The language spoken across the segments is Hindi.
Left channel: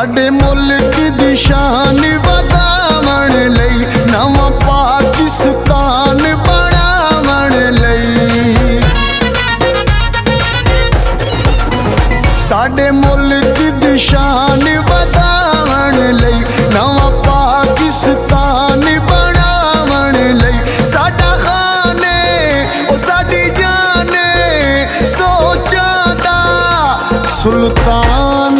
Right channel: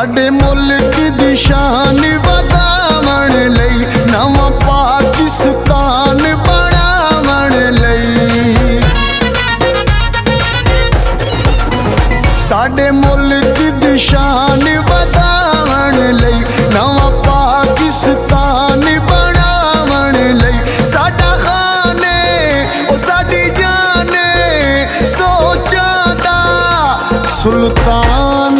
साडे मुल्क दी शान वधावण लई नवां पाकिस्तान बनावण लई। साडे मुल्क दी शान वधावण लई नवां पाकिस्तान बनावण लई। साडा खाने ओ साडी जाने सोचां दा सुल्तान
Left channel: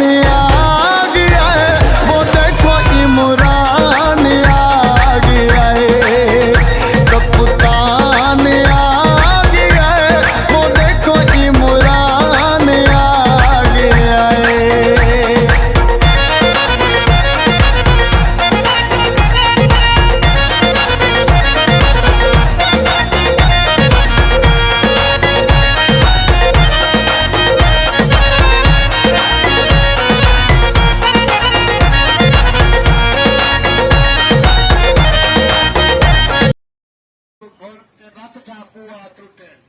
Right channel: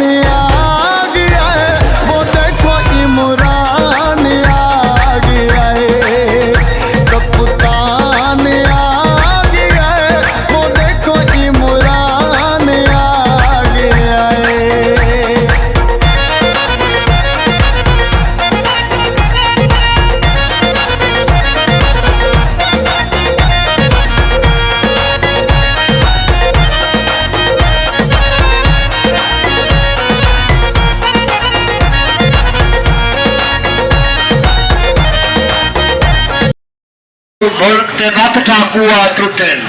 रत ठाकुआ टूटन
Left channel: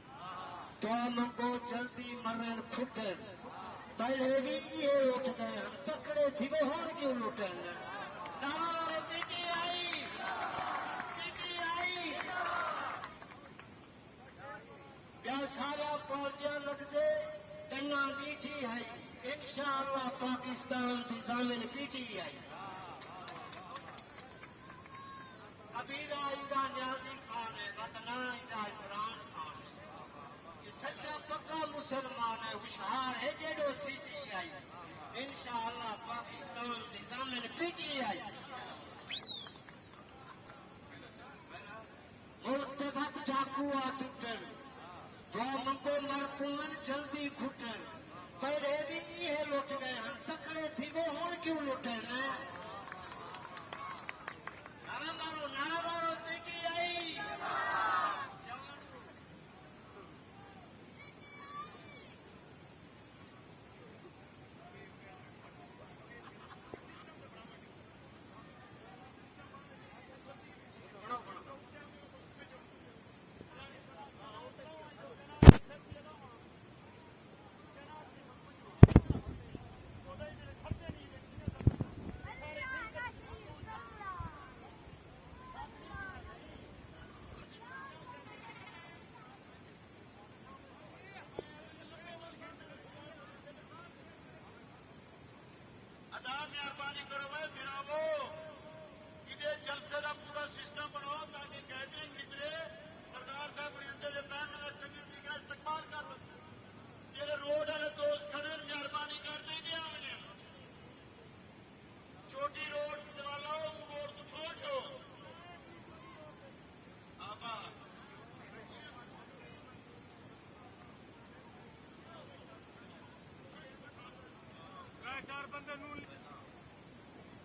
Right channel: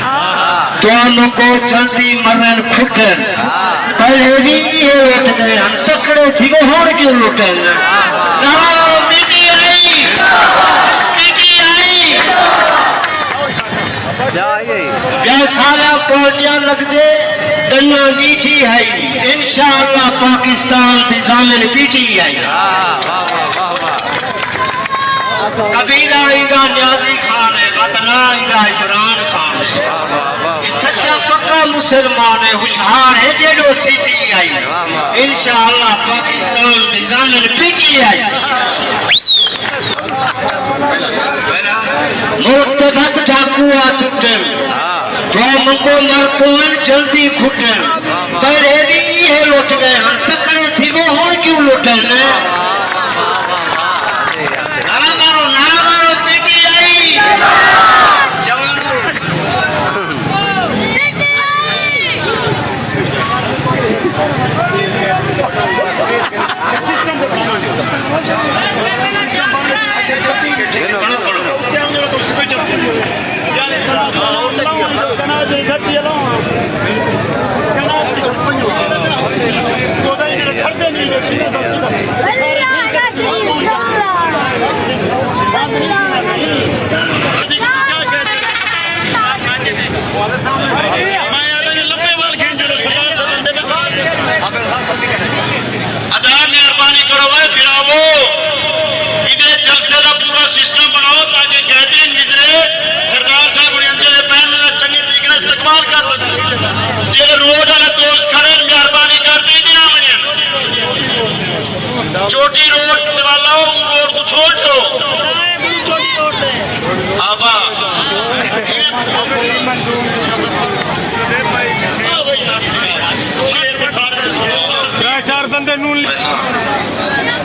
दोनों को जल्दी मरन खुटन पहले भी ये लुट गए हम तकड़े थी वो होड़ क्यों लुटन। सारा पार्टियां लगते डलियां बीठी है इंशाअल्लाह पाकिस्तान की जामिन बीठी है। कबीला आएगा न्याजी खान है वतना आएगा इमरान खान है। सच्चा पक्का मुसलमान है होशियार है जेडो सीटी आई इंशाअल्लाह पाकिस्तान की जामिन बीठी है। मुल्क रत ठाकुआ टूटन तो मुको मरकोन जल्दी खुटन पहले भी ये लुट गए हम तकड़े थी वो होड़ क्यों लुटन। छोटी रोड वाला रोड को छोड़ दो आबा चार बंदे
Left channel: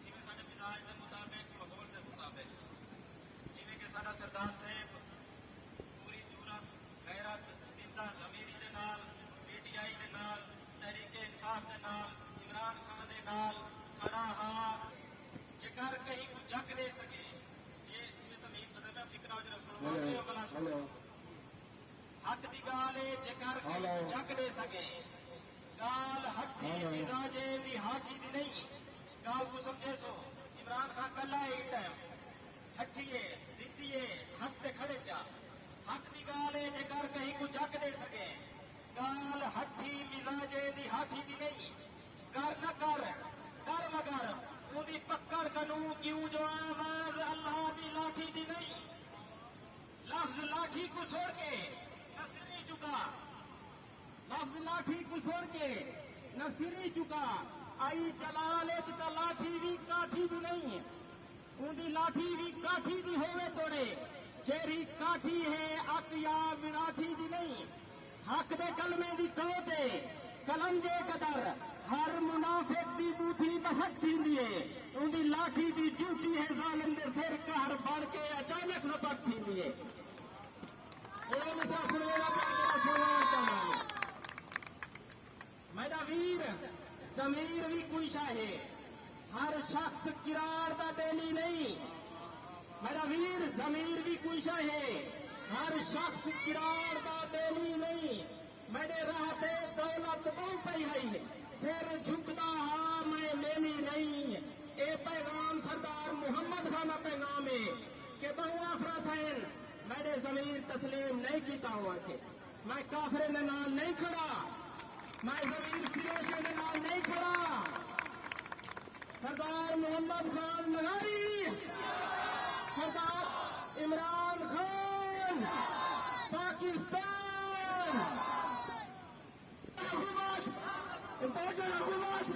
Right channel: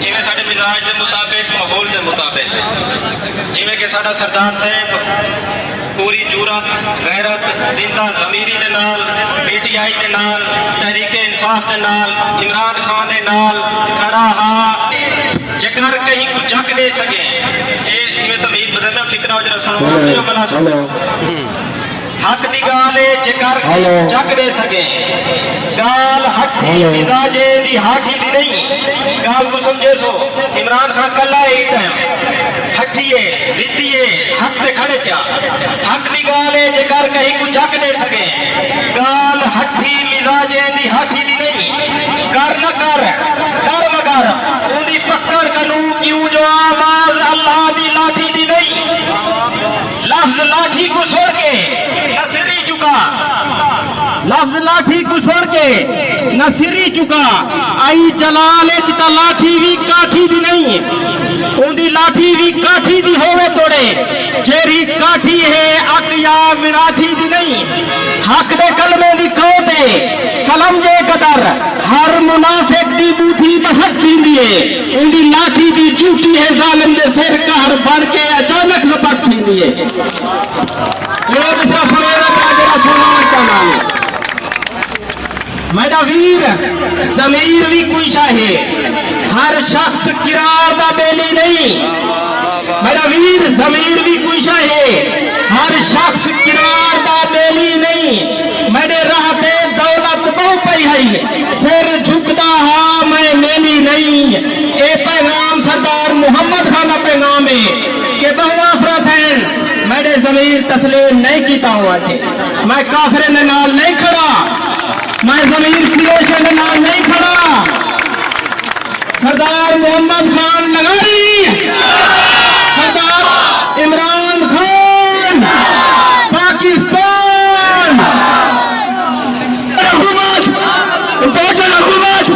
जिमें साडे मिजाज के मुताबिक माहौल के मुताबिक जिमें कि साडा सरदार साहब पूरी जुरत गैरत जिंदा जमीरी दे नाल पीटीआई दे नाल तहरीके इंसाफ दे नाल इमरान खान दे नाल खड़ा हा जेकर कहीं कुछ जग दे सके ये इवें तमीज बदलना फिक्रा जरा सुनो बला सुनो हक दी गाल है जेकर जग दे सके गाल हठी मिजाजे दी हाठी दी नहीं गाल को समझे सो इमरान खान कल्ला ही टाइम हठिए जिद्दिए हक पे खड़े थिया हक दी गाल है जेकर कहीं कुछ जग दे सके गाल हठी मिजाजे दी हाठी दी नहीं कर न कर डर मगर उन्दी पकड़ कनू क्यों जो आवाज अल्लाह दी लाठी दी नहीं लफ्ज लाठी को छोड़ के नसरी चुका लफ्ज लाठी को छोड़ के नसरी चुका आई जलाल चिता लाठी भी काठी दी नहीं उन्दी लाठी भी काठी दी होवे तोड़े जेरी काठी है अक या मिराठी दी नहीं हक दे कलमे दी कोते कलम जे कदर हर मुनाफिक दी बूथी बसत दींदी है उन्दी लाठी दी ड्यूटी है जालिम दे सिर कहर बन के अचानक जबत दींदी है। लोग इसका सुनेरा ताजरा सुनान का नाम मेरा वीर जमीर भी कोई है हर शख्स किरार दा बेली नहीं मेरा वीर जमीर भी कोई है हर शख्स किरार दा बेली नहीं मेरे राहते दौलत बहु पई है सिर झुकदा हा मैं मेली नहीं जमीर तस्लीम नहीं कीता हुआ थे। मैं काफिर ने नाल नहीं खड़ा, मैं जमीर फिरोश ने नाल नहीं खड़ा। सरदार मोहम्मद खान नगारी, सरदार इमरान खान, पाकिस्तान हुकूमत, टोटल हुकूमत,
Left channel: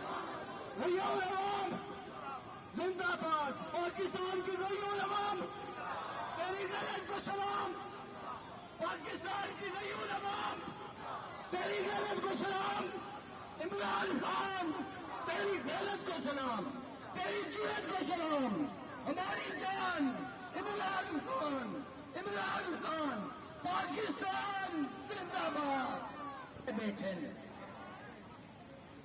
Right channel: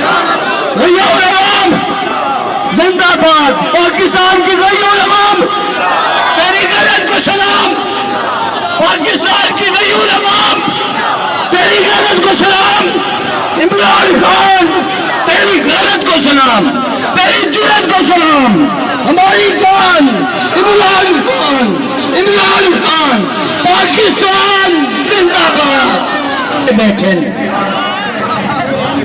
गैयुल अवाम जिंदाबाद। पाकिस्तान की गैयुल अवाम, तेरी गलत को सलाम। पाकिस्तान की गैयुल अवाम, तेरी गलत को सलाम। इमरान खान, तेरी गलत को सलाम, तेरी जुर्रत को सलाम। हमारी जान इमरान खान, इमरान खान, पाकिस्तान जिंदाबाद। बैठे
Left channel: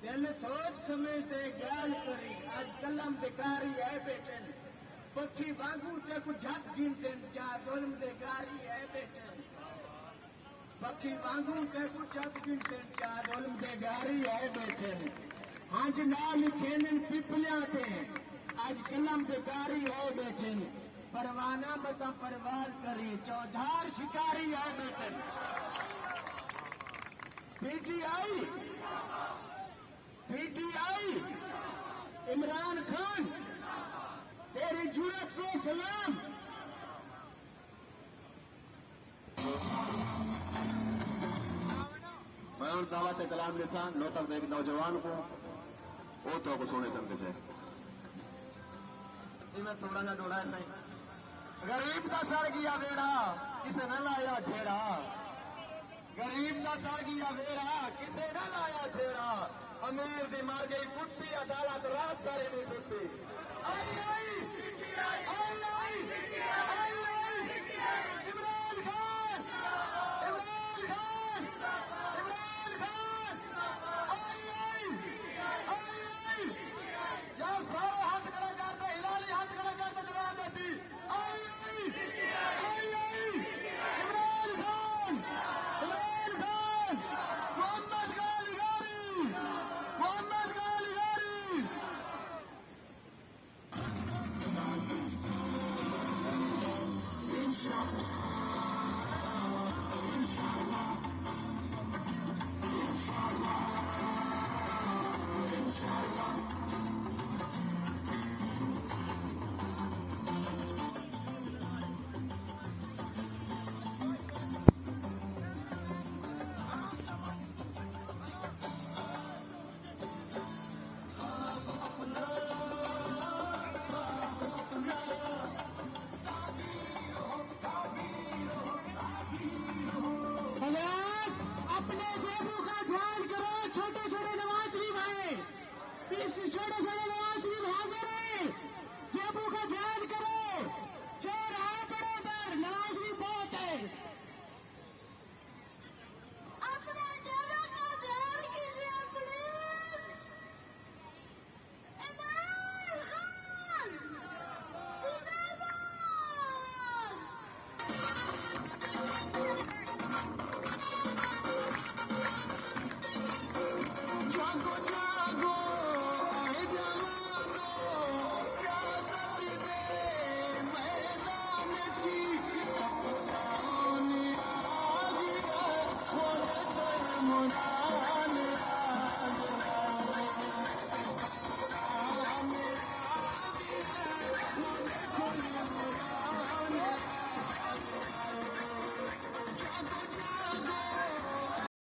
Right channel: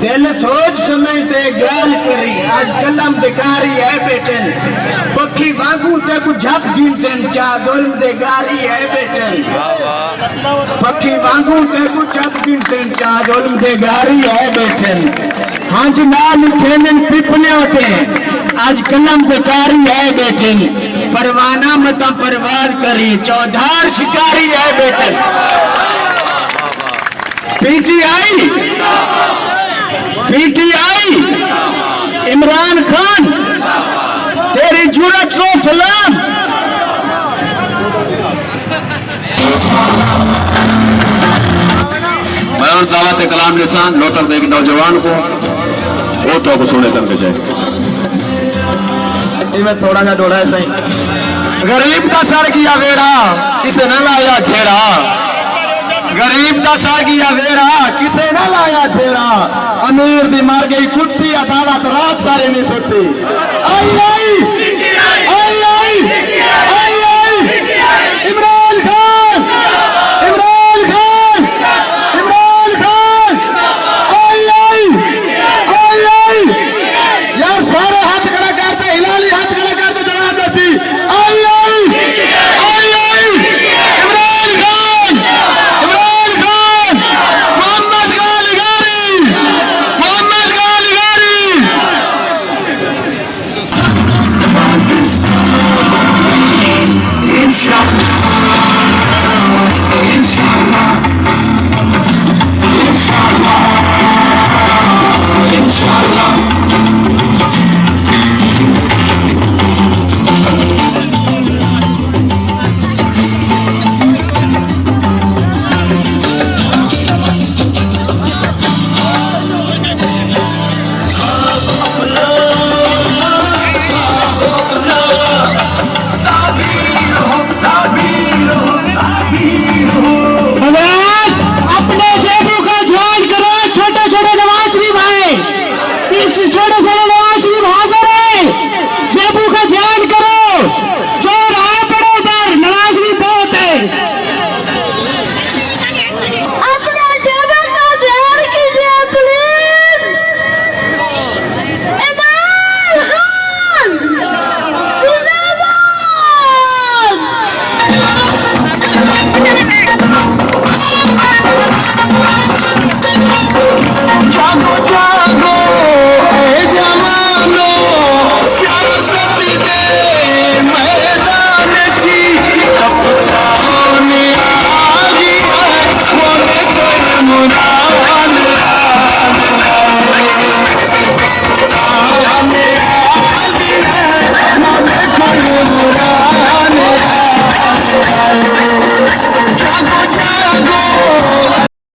दिल सोच समझते गल करी, आज कलम दिखारी है बेटन। पक्षी वांगू ते को झप गिनसन, चा दुल्म दे गारी है बेटन। पक्षी वांगू ते को झप गिनसन, चा दुल्म दे गारी है बेटन। हांज नाल खेलन पिपने होते, आज कलम दिखारी है बेटन। परवाना मता परवार करी, चौधार शिकारी है बेटन। पीटीआई, पीटीआई, इमरान खान, तेरी जुर्रत को सलाम। मैं और दावत कलाम निशान लोटक देख नौजवान को वो तो सुने सन के मैं थोड़ा सा डोड़ा है सही। गरीब का सर किया वेड़ा, किसे न लाया छेड़ा। गरीब का सर किया वेड़ा, किसे न लाया छेड़ा। अमीर दी मार गई कुत्ती, अदालत रात सारे नहीं सुनती। आई आई